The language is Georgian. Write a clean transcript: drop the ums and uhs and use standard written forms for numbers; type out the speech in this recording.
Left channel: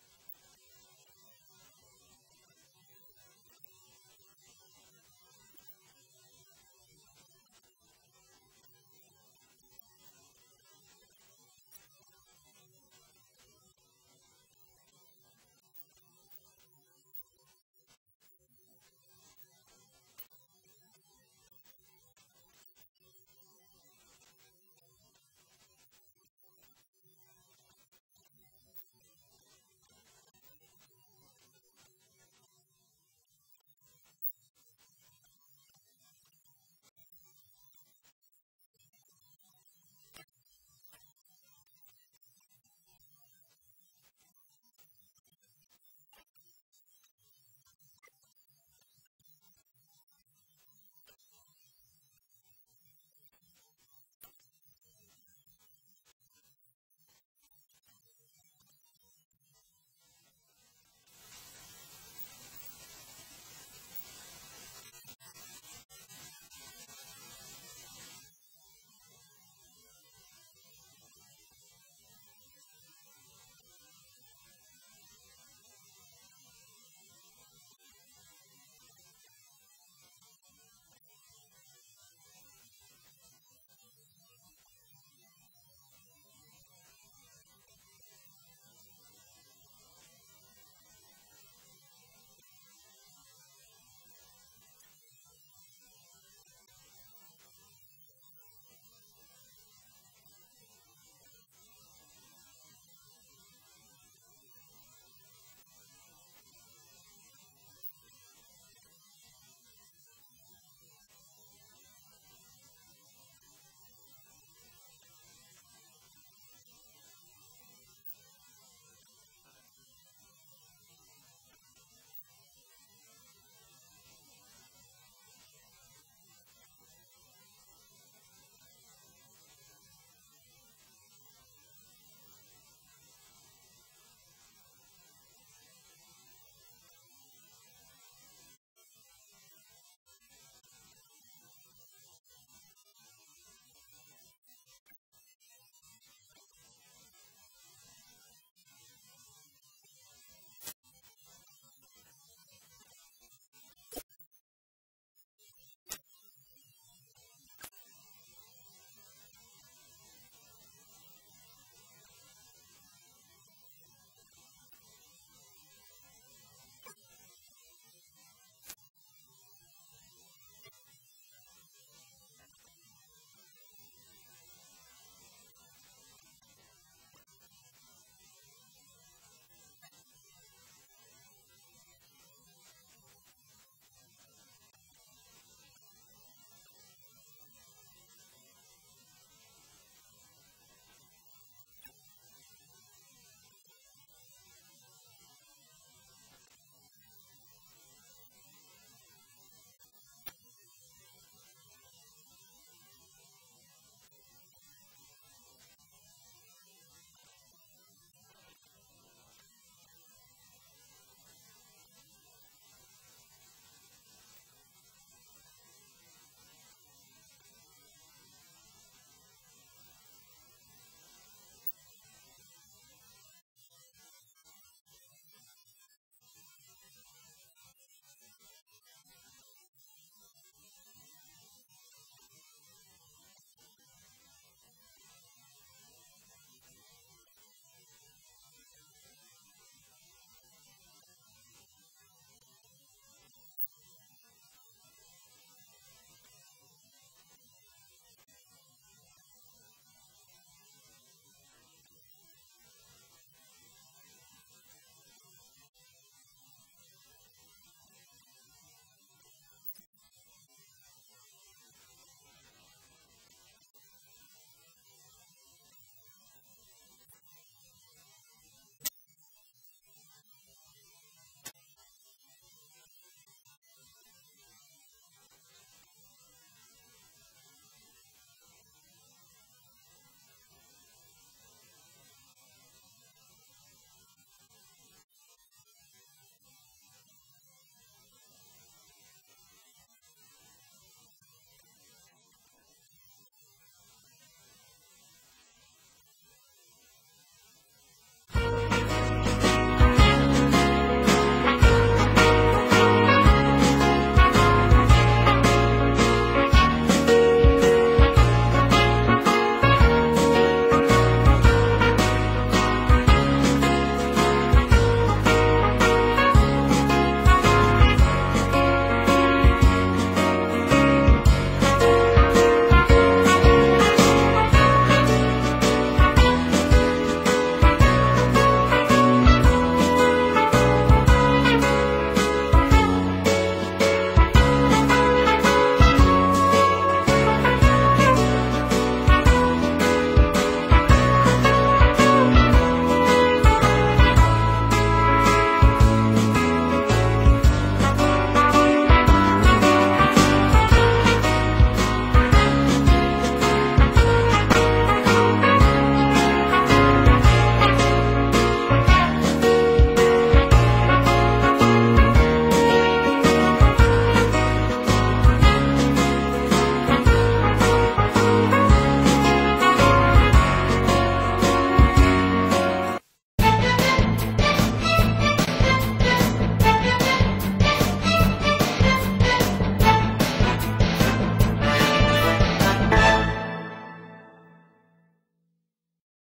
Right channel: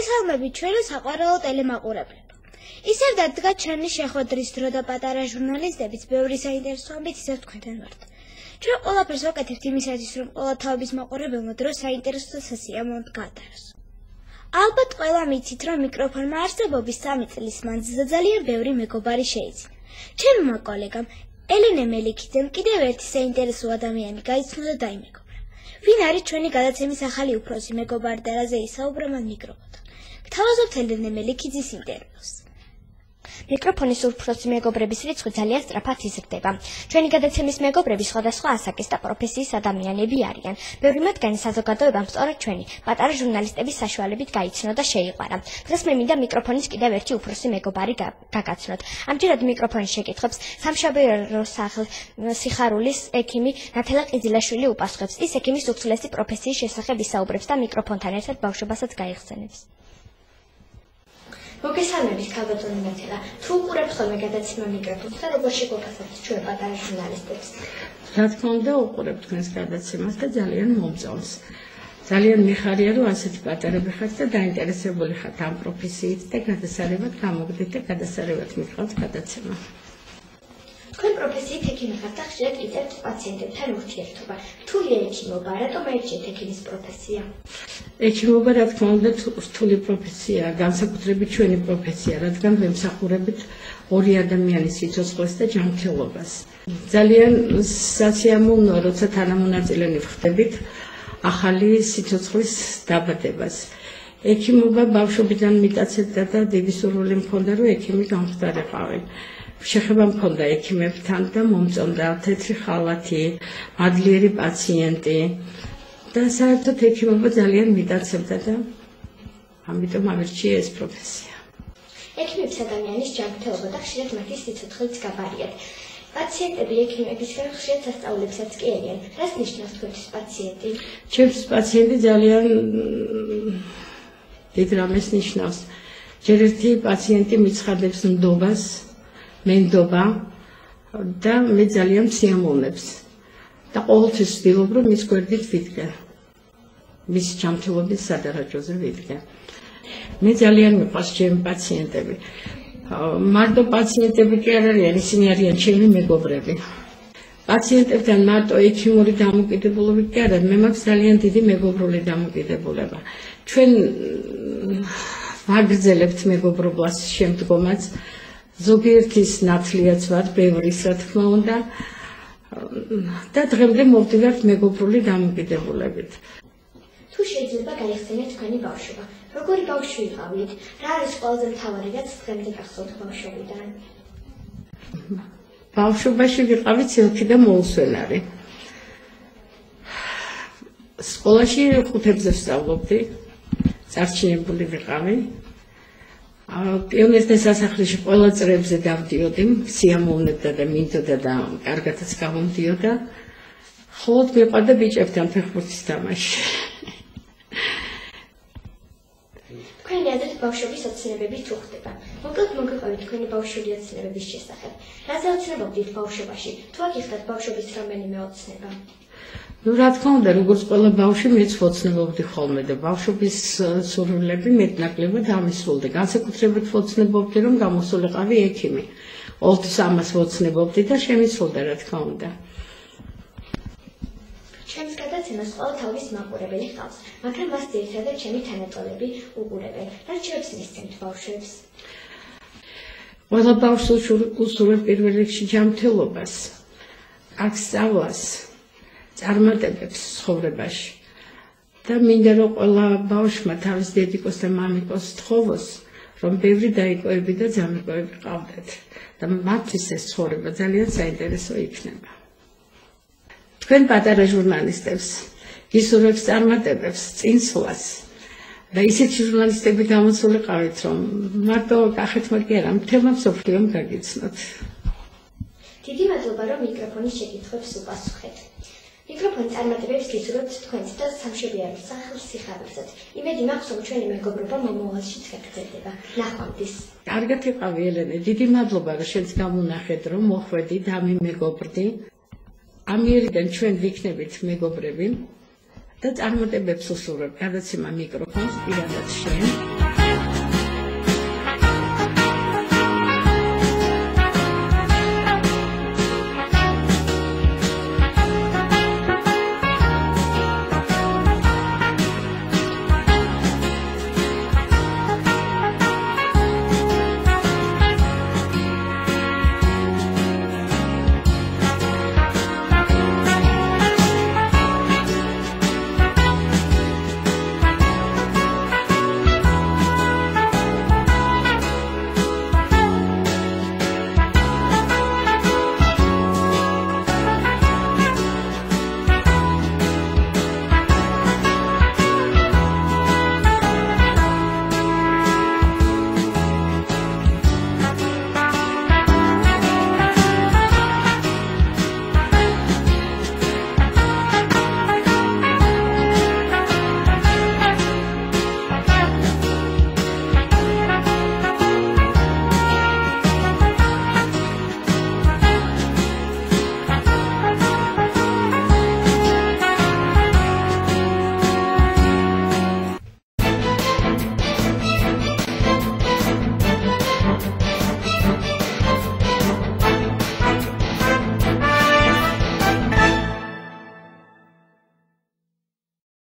მოგესალმებით ჩვენი საყვარელო ტელემაყურებლებო. ისევ დადგა ჩვენი შეხვედრის დრო და პატარა ჟურნალისტებიც ბევრი საინტერესო ამბით ისევ თქვენთან ვართ. ჩვენ ყველაფერს ვაკეთებთ იმისათვის, რომ ყველა თავის მაყურებელმა დრო საინტერესო და სასიამოვნო გაატაროს. ალბათ ყველა მიცით, რომ მიკროფონმა არსებობის 3 წლის მანძილზე ძალიან ბევრი მეგობარი შეიძინა. ჩემმა კოლეგამ ელენე მელიქიძემ კიდევ ერთი საინტერესო ადამიანი გაიცნო და დაიმეგობრა. ვინ არის ჩვენი გადაცემის ახალი უფროსი მეგობარი და რაზე ისაუბრა მან მიკროფონთან. გთავაზობთ ელენე მელიქიძის ინტერვიუს. მიკროფონის უფროსი მეგობრების რიცხვი ძალიან სწრაფად იზრდება. ჩვენი გადაცემის მეგობრები სხვადასხვა ასაკის და პროფესიის ადამიანები არიან. ბევრი მათგანი საზოგადოებამ სწორედ ჩვენი პატარა ჟურნალისტების საშუალებით გაიცნო და შეიყვარა. დღეს მე მინდა მიკროფონის კიდევ ერთი უფროსი მეგობარი გაგაცნოთ. ამჯერად მიკროფონის შეკითხვებს სამშაბიარო სიხარულის ექიმი ნათელა ყიზილაშვილი უპასუხებს. ის ექიმის უცვლესი პროფესიის შესახებ ისაუბრებს და მიკროფონთან ერთად ბავშვობასაც გაიხსენებს. მოგესალმებით, ქალბატონი ნათელა. თუ უყურებთ ხოლმე გადაცემა მიკროფონს და როგორ შეგვაფასებთ ჩვენ პატარა ჟურნალისტებს? რა თქმა უნდა, უყურებთ თქვენს გადაცემას და ძალიან მომწონს. ძალიან მიხარია, რომ ასეთი პატარები ხართ და დაინტერესებული ხართ ამ პროფესიით და გადასარევად გამოგდით და გადასარევად მიყავთ გადაცემა. თქვენ პროფესიით ექიმი ხართ და ხშირად იწევთ პაციენტებთან ურთიერთობა. რთულია ექიმობა, რატომ აირჩიეთ ექიმის პროფესია? ექიმობა, რა თქმა უნდა, რთული პროფესიაა, განსაკუთრებით ჩვენი პროფესია, რადგან ვემსახურებით ორი ადამიანის სიცოცხლეს და ჯანმრთელობას. ძალიან სასიამოვნოა, როცა თანამონაწილენი ვხდებით ახალი სიცოცხლის დაბადებას. ექიმობა ბავშვობიდან მიტაცებდა და დიდი სურვილი მქონდა, რომ ექიმი გამხდარიყავი. შეხება მქონდა ექიმებთან და მომწონდა თეთრი ხალათი, მადლიერი პაციენტი და საერთოდ ექიმობა ძალიან მიტაცებდა და ამიტომ ავირჩიე ეს პროფესია. ექიმებს ადამიანის ჯანმრთელობა და ხშირად მათი სიცოცხლეც გაბარიათ. პაციენტები ექიმებისგან ხშირად სასწავლებსაც კი ერიან. რას ნიშნავს თქვენთვის პაციენტი? ჩემთვის პაციენტი ძალიან დიდ რამეს ნიშნავს. ჯერ ერთი პაციენტი მიცხადებს ნდობას, მენდობა და მე ძალიან მსიამოვნებს და ყოველთვის ვცდილობ, რომ მის გვერდით ვიდგე, მის ჯანმრთელობის სადარაჯოზე ვიდგე. მე ძალიან მიყვარს ჩემი პაციენტები. მარტო პაციენტები კი არ არიან, ისინი არიან ჩემი მეგობრები. პაციენტებთან მარტო ექიმური დამოკიდებულებით კი არა, მე მაქვს ძალიან დიდი მეგობრული დამოკიდებულება. ჩვენ ვაგრძელებთ მეგობრობას შემდგომაც. ზოგიერთის ნათლიაც ვარ, ბევრის რა თქმა უნდა და დღემდე მოვდივართ მეგობრული დამოკიდებულებით. თუ შეიძლება გაიხსენოთ თქვენი ბავშვობა, როგორი ბავშვი იყავით? რა არის ყველაზე მთავარი, რაც დღემდე გახსოვთ ბავშვობიდან? ბავშვობაში ვიყავი ცილკი და მოუსვენარი. სკოლაში 5-ზე ვსწავლობდი, წარჩინებული ვიყავი. პიონერთა სასახლეში ყველა წრეებზე დავდიოდი, სიამოვნებდა და მინდოდა და კარგადაც გამომდიოდა. ხოლოდ მიყვარდა ბიჭებთან ფეხბურთის თამაში. თქვენი აზრით ბავშვობის ოცნებები თუ ხდება? მოკლედ მოგიყვებით თქვენი ბავშვური ოცნებების შესახებ. რაზე ოცნებობდით ბავშვობაში? თუ აქ იხდათ ბავშვობის რომელიმე ოცნება? რა თქმა უნდა, როგორც ყველა ბავშვი, მეც ვოცნებობდი ხოლმე და ბავშვობის სურვილები მეტნაკლებად ამისრულდა. განსაკუთრებით ვოცნებობდი, რომ გამოსულიყავი ექიმი. ყოველთვის ამას ვოცნებობდი და შემისრულდა, რა თქმა უნდა. ჩემს გადაცემას ყველა თავის მაყურებელი ჰყავს, მაგრამ მას ძირითადად ჩემი თანატოლები უყურებენ. რა რჩევებს მისცემთ ბავშვებს? ყველა ბავშვს უსურვებ პირველ რიგში ჯანმრთელობას, აქ სწავლას, წარმატებებს ცხოვრებაში და მინდა რომ ყველა ბავშვმა თავის დედიკოს და მამიკოს თხოვოს, რომ ბევრი დაიკოები და ძამიკოები ყავდეთ და მათთვის ეს ცხოვრება ძალიან საინტერესო იქნება. თქვენ პატარა ჟურნალისტებს გისურვებთ წარმატებებს, წინსვლას და ისეთი ჟურნალისტები გამოსულიყავით, რომ მარტო კახეთმა კი არა, მთელმა მსოფლიომ გაგიცნოთ. დიდი მადლობა, რომ მიკროფონის შეკითხვებს უპასუხეთ. მიკროფონი წარმატებებს გისურვებთ თქვენს და სამშობიარო სახლის სიხარულსაც. იმედი მაქვს, რომ ჩვენი მეგობრობა მომავალშიც გაგრძელდება. ნახვამდის. კარგად იყავი ელენე, დიდი მადლობა, რომ შენც გამონახეთ, რომ მოხვედი და მეგობრდი. ამიერიდან ჩვენ ვიქნებით მეგობრები და წარმატებებს უსურვებ. გადაცემა მიკროფონს პირადად შენ.